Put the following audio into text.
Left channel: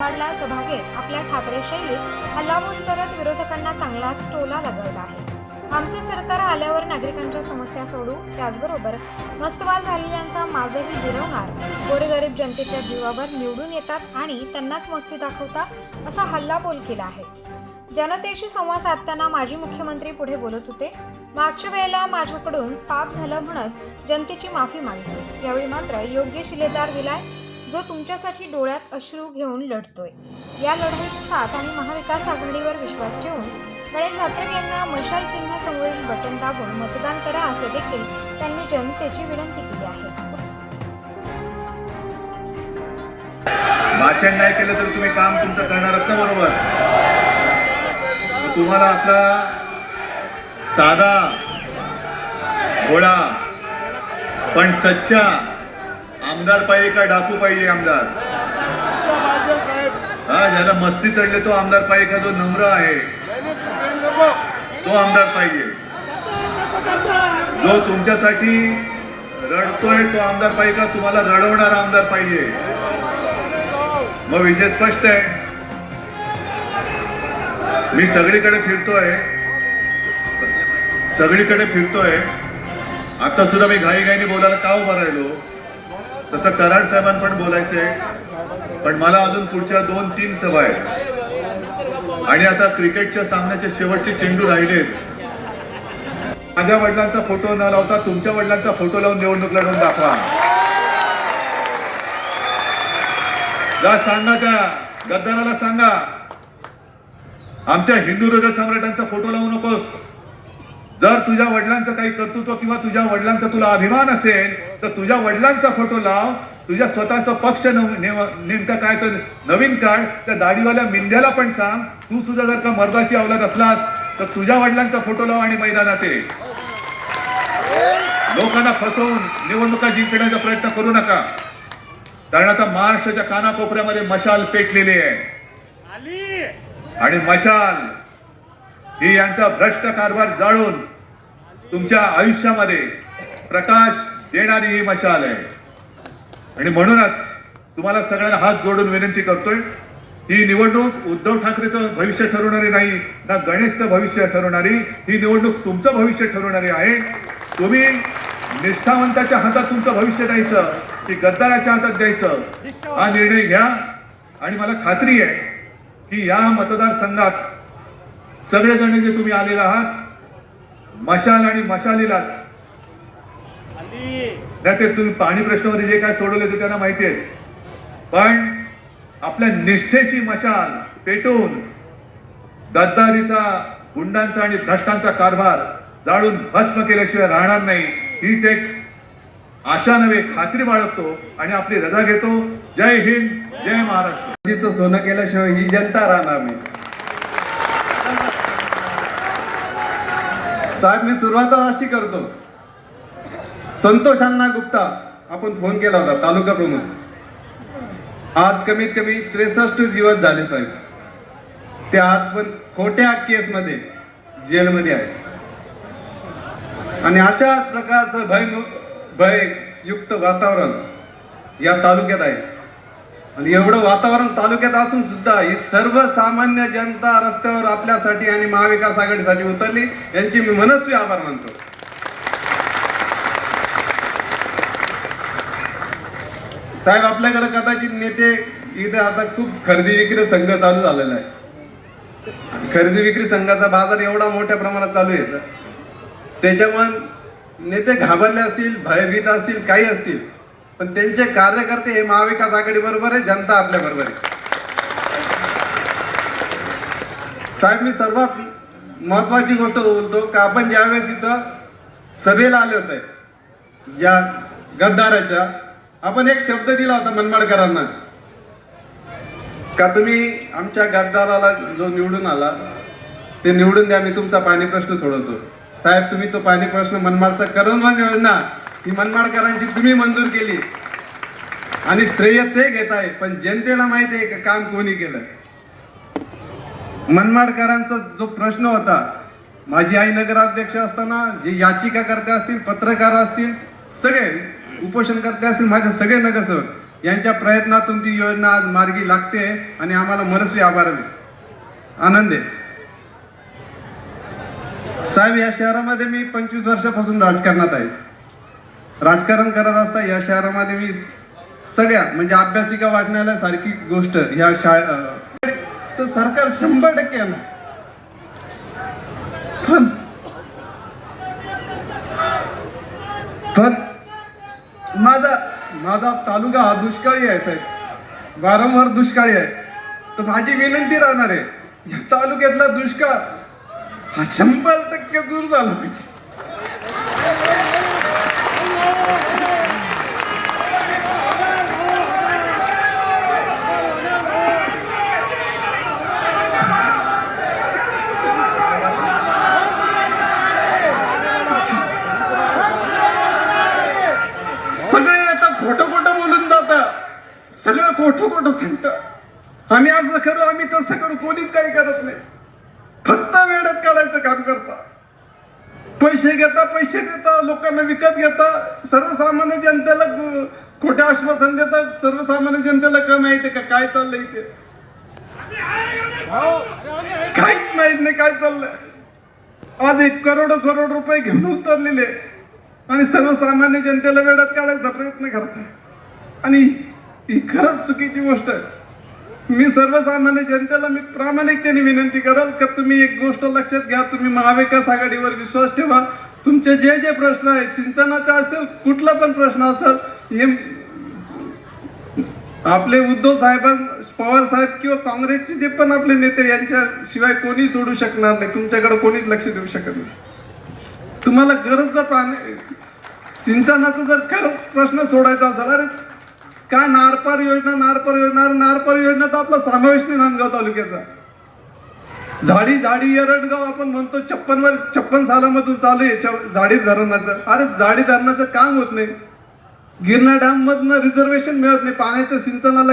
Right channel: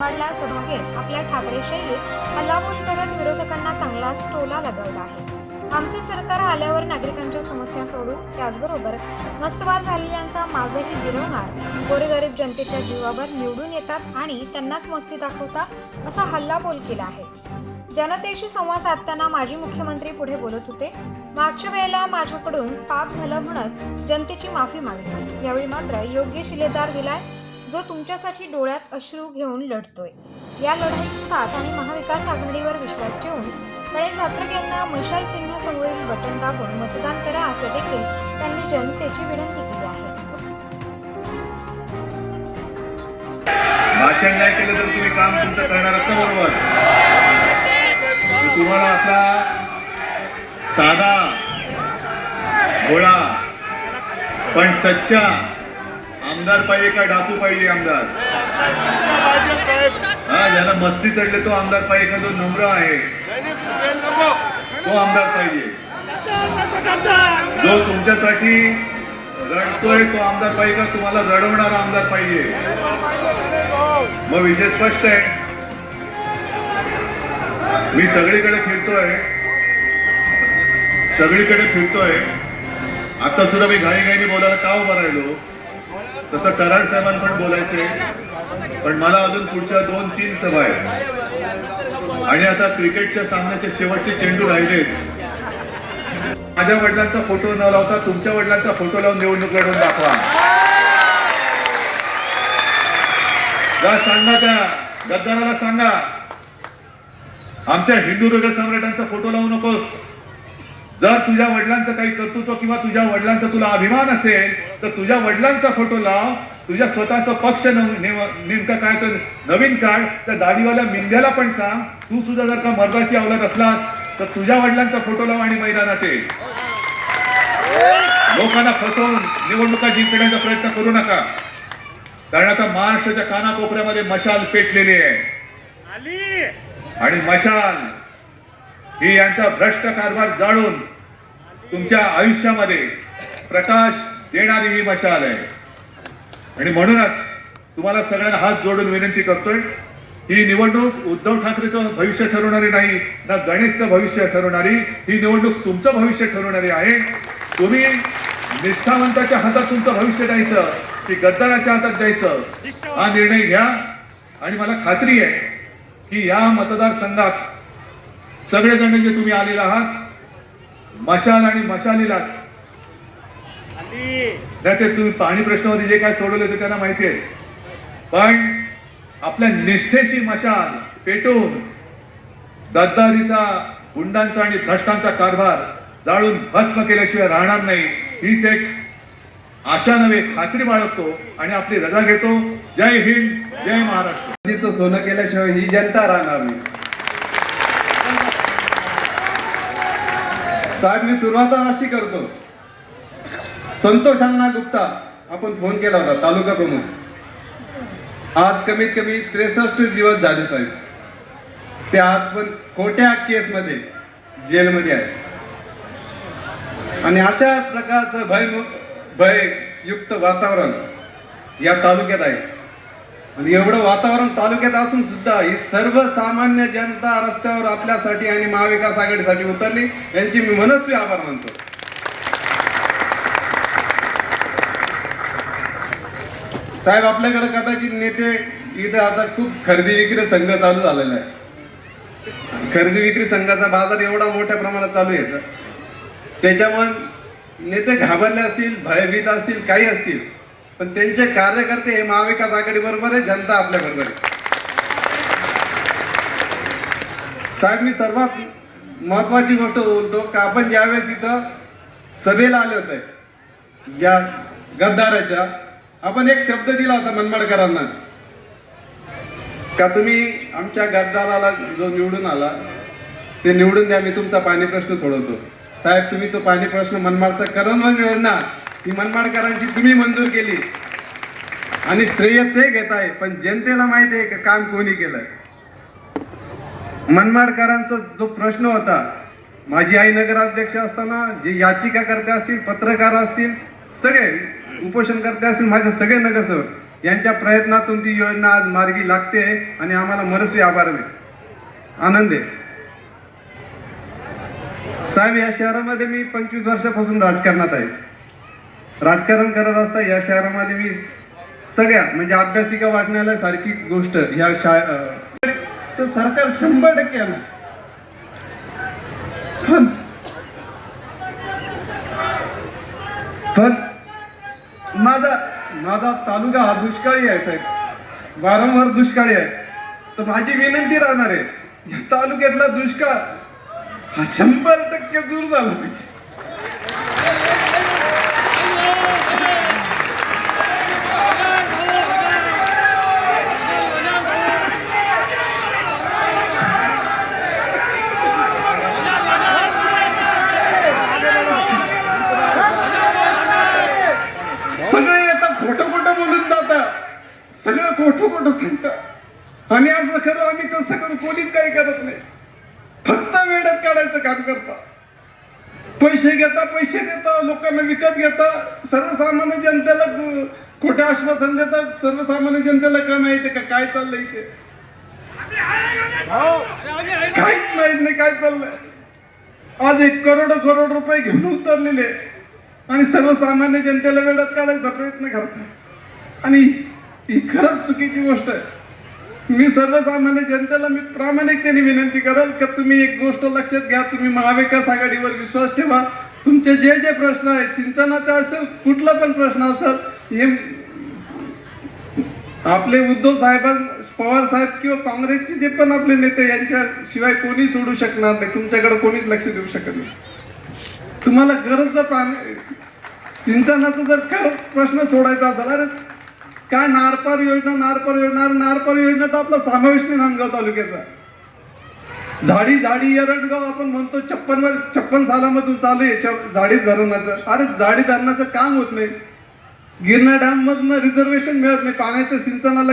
वाडला सभागेत आपल्या ठाकरे शैलीत हल्लाबोल करत विरोधकांना चांगलाच टोला लगावला आहे। आमचे सरकार आल्यावर नागरिकांच्या समस्या सोडू, त्याचबरोबर मस्तवाल झालेल्यांचा माझही जिरवणार, गोरगरीब जनतेच्या जीवावर निवडून येतात आणि त्यांनाच मस्ती दाखवतात असा हल्लाबोल केला आहे। जनतेशी संवाद साधताना माजी मुख्यमंत्री पुढे बोलत होते। मागच्या वेळेला माझ्याकडून पाप झालं म्हणत जनतेची माफी मागितली, यावेळी मात्र योग्य शिलेदार दिलाय, जो तुमच्यासाठी डोळ्यात अश्रू घेऊन लढतोय। या लढाईत साथ आणि महाविकास आघाडीवर विश्वास ठेवून गणेश ठाकरे यांना मशाल चिन्ह समोरील बटन दाबून मतदान करा असे देखील त्यांनी जनतेची विनंती केली आहे। भाषण नाही केलं तर तुम्ही काम तुमचं करणार आहात ना, बरोबर? तुम्हाला आपला साधा भोळा पण सच्चा आमदार पाहिजे का डाकू पाहिजे? आमदार ज्याला मस्ती चढले तो आमदार पाहिजे का जो नम्र आहे तो आमदार पाहिजे? जो तुमच्यासाठी रडतोय तो आमदार पाहिजे का तुम्हाला रडवणारा आमदार पाहिजे? मग विषय स्पष्ट आहे। मी सगळीकडे फिरतोय। आता सुद्धा मी घाईघाईने बोलायला का उभा राहिलो? तसं कराड साहेबांना पण बोलायचंय, पण मला अजून पुढच्या 2-3 सभा आहेत आणि आता क्रिकेटच्या सामन्याचे शेवटचे चेंडू राहिलेत। माझ्या वडिलांचा फोटो न लावता तुमच्या वडिलांचा फोटो लावून निवडणूक लढवून दाखवा। जा सांगा, त्या गद्दाराला सांगा, आमच्या हिंदू हृदय सम्राटांचा फोटो लावू नकोस। जर तुझ्या वडिलांचं काही कर्तृत्व किंवा तुझ्या वडिलांचा तुला अभिमान असेल तर तुझ्या वडिलांचा फोटो लाव। तुझ्या स्वतःचा पक्ष नेमका काय तर नवीन काढ। त्या दाढीवाल्या मिंद्याला पण सांग, तू सुद्धा जर का मर्दाची अवलाद असलास तर तुझ्या वडिलांचा फोटो लाव आणि मैदानात ये। लोकांना फसवून निवडणुका जिंकण्याचा प्रयत्न करू नका, कारण आता महाराष्ट्राच्या कानाकोपऱ्यामध्ये मशाल पेटलेली आहे आणि मशाल ही यांचा भ्रष्ट कारभार जाळून तुमच्या आयुष्यामध्ये प्रकाश देणारी ही मशाल आहे। आणि म्हणूनच तुम्हाला सगळ्यांना हात जोडून विनंती करतोय, ही निवडणूक उद्धव ठाकरेचं भविष्य ठरवणारी नाही ना गणेशचं भविष्य ठरवणारी, ही निवडणूक तुमचं भविष्य ठरवणारी आहे। तुम्ही निष्ठावंताच्या हातात तुमचं भविष्य द्यायचं की गद्दाराच्या हातात द्यायचं, हा निर्णय घ्या। आणि मला खात्री आहे की या मतदारसंघात सगळेजण जे तुम्ही आलेला आहात मशाल आणि मशालीलाच, नाही ते तुम्ही पाणी प्रश्नामध्ये जे काय सोडवले ते त्यांना माहिती आहे, पण आपल्या निष्ठेची मशाल पेटून गद्दारीचा, गुंडांचा आणि भ्रष्टांचा कारभार जाळून भस्म केल्याशिवाय राहणार नाही, हीच एक आशा नव्हे खात्री बाळगतो आणि आपली रजा घेतो। जय हिंद, जय महाराष्ट्र। सोनं केल्याशिवाय ही जनता राहणार नाही। साहेब, मी सुरुवात अशी करतो, संतोष अण्णा गुप्ता आपण फोन केला होता, तालुका प्रमुख। आज कमीत कमी 63 दिवस झाले साहेब, ते आज पण खोट्या केसमध्ये जेलमध्ये आहे आणि अशा प्रकारचं भययुक्त वातावरण या तालुक्यात आहे। आणि एवढं वातावरण तालुक्यात असून सुद्धा ही सर्वसामान्य जनता रस्त्यावर आपल्यासाठी आणि महाविकास आघाडीसाठी उतरली, यांची मी मनस्वी आभार मानतो। साहेब, आपल्याकडे कदाचित नेते इथे आता खूप खरेदी विक्री संघ चालू झालेला आहे। खरेदी विक्री संघाचा बाजार एवढा मोठ्या प्रमाणात चालू आहे, त्याच्यामुळे नेते घाबरले असतील, भयभीत असतील, काही असतील, पण त्यांचे कार्यकर्ते हे महाविकास आघाडी बरोबर आहे, जनता आपल्या बरोबर आहे। साहेब, मी सर्वात महत्वाची गोष्ट बोलतो का आपण ज्यावेळेस इथं सभेला आले होते या गद्दाराच्या, आपण एक शब्द दिला होता मनमाडकरांना का तुम्ही आमच्या गद्दाराला जो निवडून आला ते निवडून द्या, मी तुमचा पाणी प्रश्न सोडवतो। साहेब, तुम्ही तो पाणी प्रश्न मनमाडचा करून योजना ही मनमाडकरांची तुम्ही मंजूर केली आणि श्रेय ते घेत आहे, पण जनतेला माहिती आहे का काम कोणी केलं? मनमाडकरांचा जो प्रश्न होता, माझी आई नगराध्यक्ष असताना जे याचिकाकर्ते असतील, पत्रकार असतील, सगळे उपोषणकर्ते असतील, माझे सगळे नगरसेवक यांच्या प्रयत्नातून ती योजना आज मार्गी लागते आणि आम्हाला मनस्वी आभार आनंद आहे. साहेब, या शहरामध्ये मी 25 वर्षापासून राजकारणात आहे. राजकारण करत असता या शहरामध्ये मी सगळ्या म्हणजे अभ्यासिका वाचनालय सारखी गोष्ट ह्या सरकार 100% आणणार. पण माझा तालुका हा दुष्काळी आहे साहेब, वारंवार दुष्काळी आहे. तर माझी विनंती राहणार आहे, या तालुक्यातला दुष्काळ हा 100% दूर झाला पाहिजे. सगळे आता खोटं बोलून जातात, सगळं खोटं सांगतात. आम्ही असं करू, आम्ही तसं करू, कोणीच काही करत नाही. फक्त वेळात काढायचं काम करता, पैसे देता, लोकांना विकत घेता, सर्वसामान्य जनतेला खोटे आश्वासन देतात. सर्वसामान्य जनतेला काय माहिती का काय चाललंय इथे? काहीच माहित नाही काय चाललंय. आज 1 करोड रुपये घेऊन उतरलेले आणि सर्वसामान्य जनतेला वेळात काढायचा प्रयत्न करतात. आणि ही खरंच चुकीची गोष्ट आहे. मी सर्वसामान्य जनतेला मी प्रामाणिकतेने विनंती करेल की तुम्ही एक गोष्ट लक्षात घ्या, तुम्ही महाविकास आघाडीवर विश्वास ठेवा. तुमचे जे प्रश्न आहेत, सिंचनाचा असेल, कुठला पण प्रश्न असेल, हे आपले उद्धव साहेब, पवार साहेब किंवा काँग्रेसचे जे पण आपले नेते यांच्याशिवाय कोणी सोडू शकणार नाही. तुमच्याकडे कोणीच लक्ष देऊ शकत नाही. तुम्हाला गरज जर सिंचनाचा जर खरंच प्रश्न सोडायचा असेल, अरे काय नारपार योजना तर आपला समावेश नाही नांदगाव तालुक्याचा. झाडी एरडगाव आपण म्हणतो 56 सालामधून चालू आहे झाडी धरणाचं. अरे झाडी धरणाचं काम होत नाही. गिरणा डॅम मधनं रिझर्वेशन मिळत नाही पाण्याच्या सिंचनाला.